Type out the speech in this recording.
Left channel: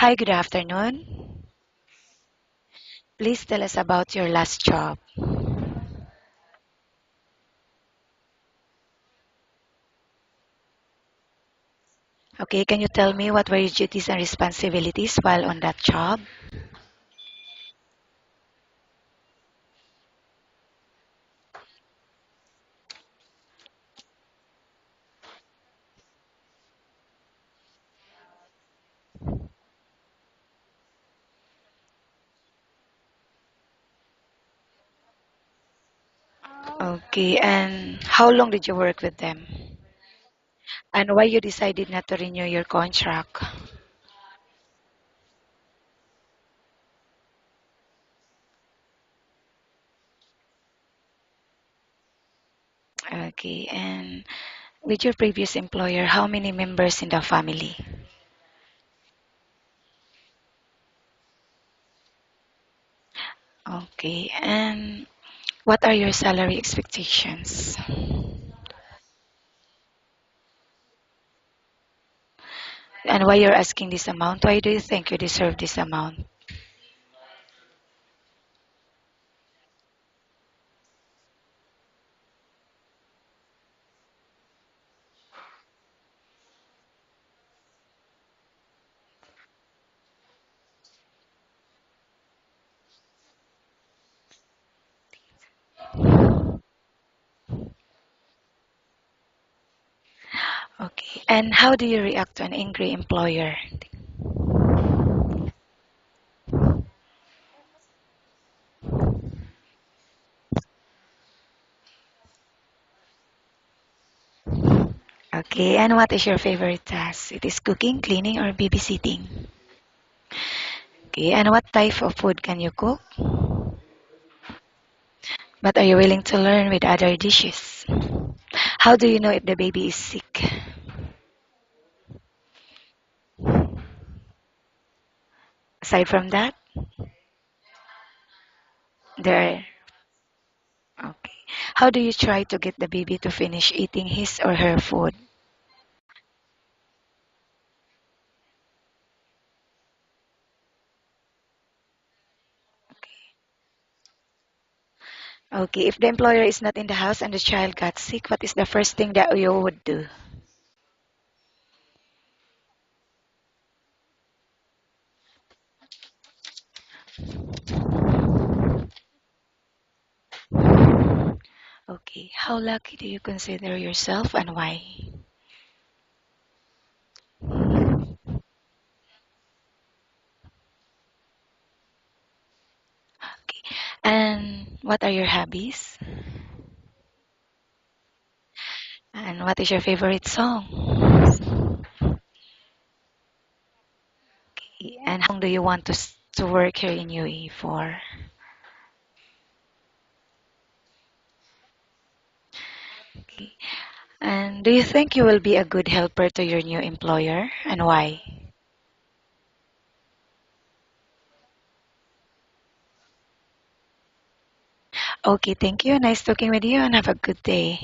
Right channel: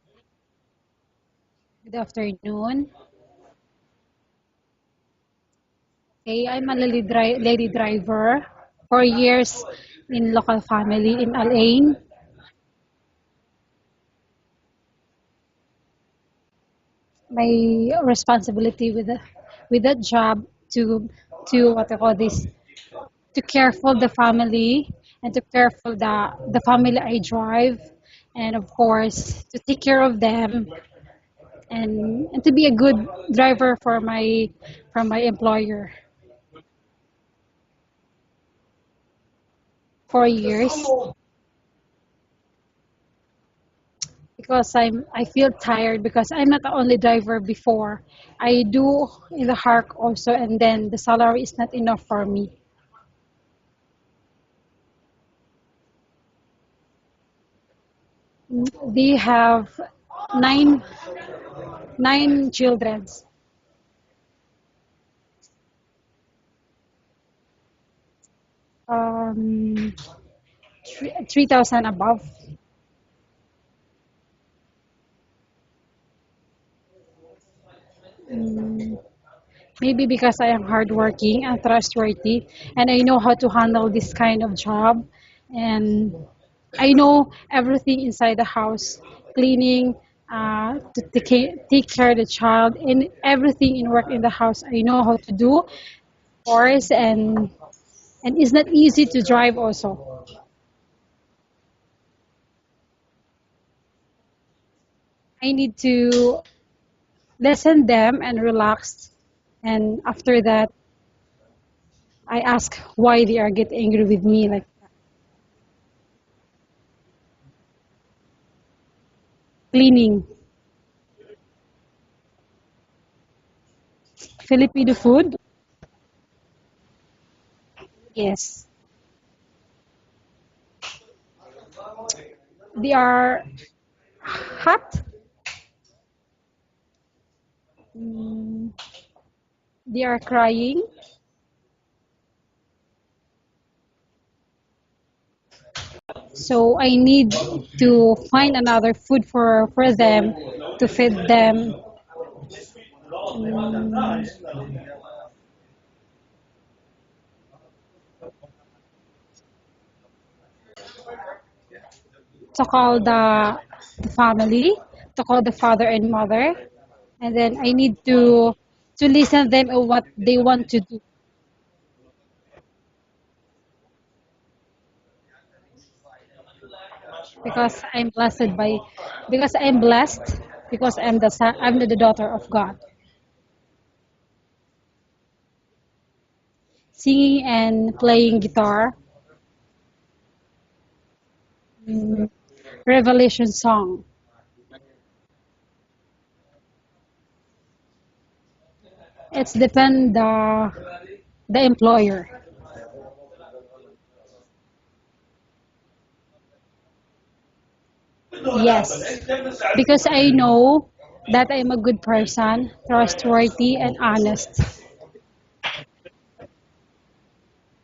Hi, good afternoon. Good afternoon. Please tell us about your last job. Okay, I'm a lady driver, 4 years in local family in Alain. Okay, can you tell me what were your duties and responsibilities while on that job? My responsibility with that job to what I call this to care for the family and to care for the family I drive, and of course to take care of them, and to be a good driver for my employer. Okay, and how long did you work with them? 4 years. And why you decided not to renew your contract? Because I feel tired because I'm not the only driver before. I do in the Hark also, and then the salary is not enough for me. Okay, and with your previous employer, how many members in the family? They have nine nine children, Okay, and what are your salary expectations? um, 3,000 above. And why you're asking this amount? Why do you think you deserve this amount? Mm, Maybe because I am hardworking and trustworthy, and I know how to handle this kind of job, and I know everything inside the house, cleaning, to take care of the child, and everything in work in the house. I know how to do, of course, and it's not easy to drive also. Okay, and how do you react to an angry employer? I need to listen them and relax, and after that, I ask why they are get angry with me like Okay, and what is your favorite task? It is cooking, cleaning, or babysitting? cleaning. Okay, and what type of food can you cook? Filipino food. But are you willing to learn with other dishes? Yes, How do you know if the baby is sick? they are hot. Aside from that, Mm, there. they are crying. Okay. How do you try to get the baby to finish eating his or her food? So I need to find another food for them to feed them. Mm, Okay, if the employer is not in the house and the child got sick, what is the first thing that you would do? to call the family, to call the father and mother, and then I need to listen them on what they want to do Okay, how lucky do you consider yourself and why? because I'm blessed because I'm the daughter of God. Okay, and what are your hobbies? Singing and playing guitar, And what is your favorite song? mm, Revelation song. Okay, and how long do you want to work here in UAE for? It's depend the employer. Okay. And do you think you will be a good helper to your new employer and why? Yes, because I know that I'm a good person, trustworthy and honest. Okay, thank you. Nice talking with you and have a good day.